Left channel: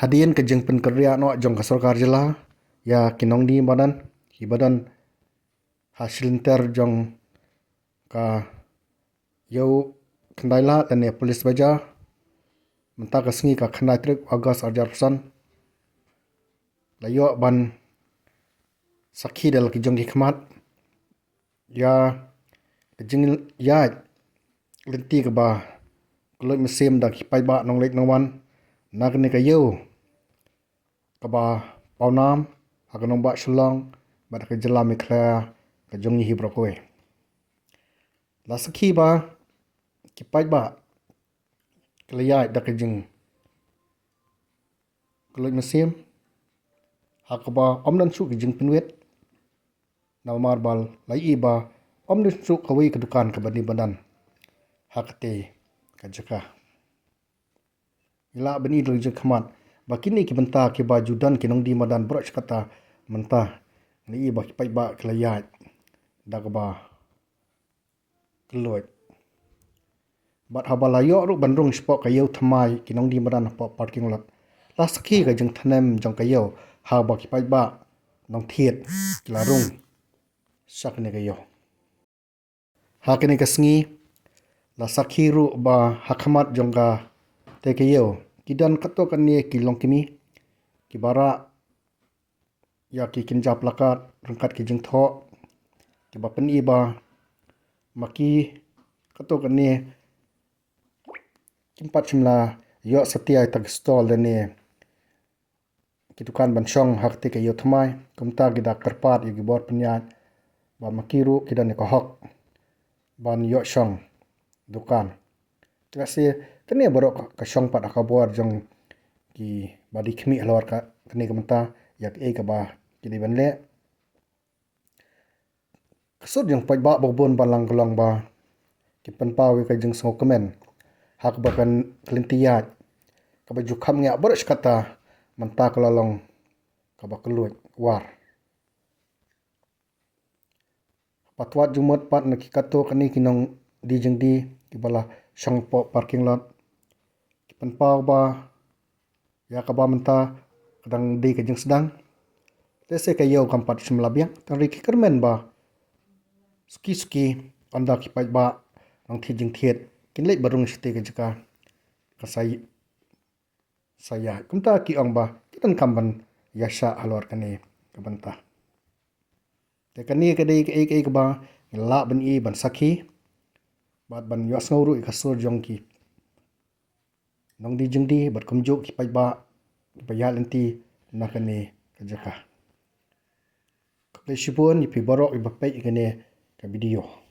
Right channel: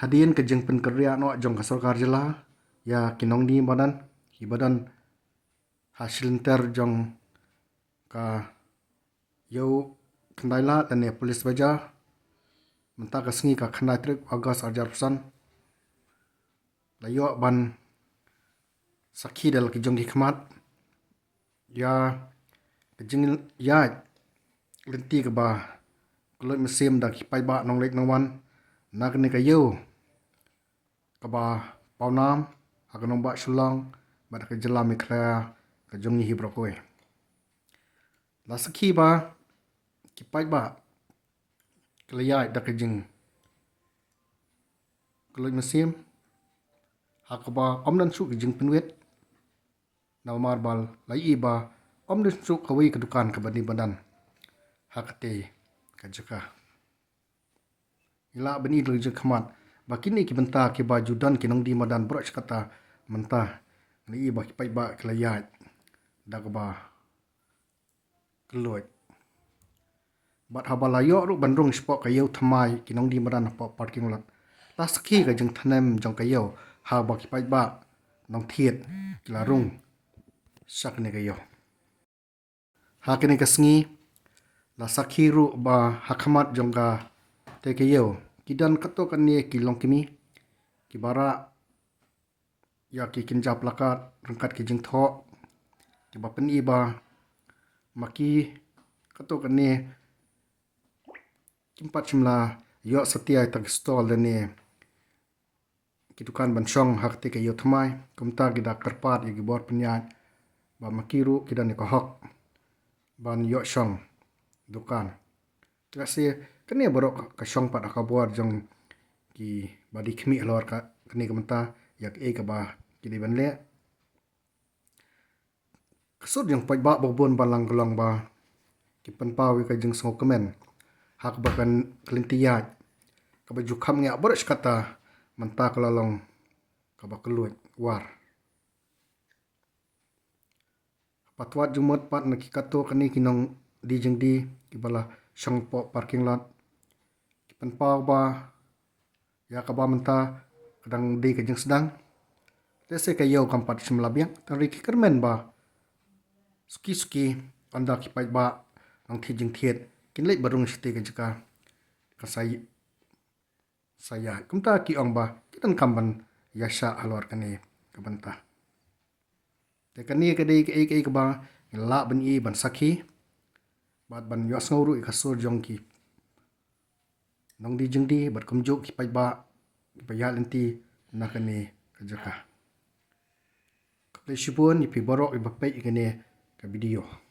Hadian ke jeng penkerja no jong ka sarkar jela ya nongdie madan hibadan hasil jong ka yau kendaila dan ya polis baja mentah kesengi ka kendai trik agas ajar pesan layo ban sakhi del ki jong ki khmat ya kejeng iaid lynti ke ba Kylluid mesim da ki pai ba nong lek nong wan nak ni ka yau ke ba paunam akan nong ba shulang ba ke jelam ikla ke jong ni hibrokoi la sakhi ba ki pai ba kelaya da ke jeng Kylluid mesim hakba om dan su ke jeng penwet na marbal lai ba om dan su kawi ke dukan ke bani badan hakte ka jaka ila bani dul je khmat bakini ki benta ki baju dan ki nongdie madan broch kata mentah lai ba ki pai ba kelaya da ke ba Kylluid bat habalayo ru bandrung spok kayo thymmai ki nongdie madan po parking lot la sakhi ka jeng thanem jong kayo ha ba ki pai ba nong thiet larung sak ne kayo ha kini kasngi la sakhi ru ba hakhamat jong ka te kayo kidan kato kani ki long kimi ki bara ya ki kinjap lakat rangkat ki jeng tho ki ba pen ba maki kato kani tempat simla yo setia tak stall dane ki dukan bansong hakte ke yo thymmai kumta ki dak terpat ki bor penyat ba makiru ki dan ko hok ban yo shong dukan kasi kene borok ka shong pat akabor jong ki badi khmi halor ka kene kamta yak e ka ba ki di banle kasut jong pai ba bobon balang golong ba ki panpa wi ka jeng sngo kyrmen hak ba kan lynti ka ba ju kham nge boros kata manta kalalong ka ba Kylluid war patwat jumot pat na ki kato kani kinong di jeng di ki bala shong po parking lot ki panpa ba ya ka ba menta kadang di ka jeng sedang tese ka yo kampat simla biang tari ki kyrmen ba suki anda ki pai ba nong thi jeng thiet kin lek barung site ka jaka kasai saya kumta ki ong ba kitan kamban yasha alor kani ka banta te kani ka dei ka ba la ban i ban sakhi bat ban yos nguru ka sur jong ki nong di jeng di bat kumjuk ki pai ba ya lynti nakani ka jaka ka sipun ipi borok iba pai kene ka video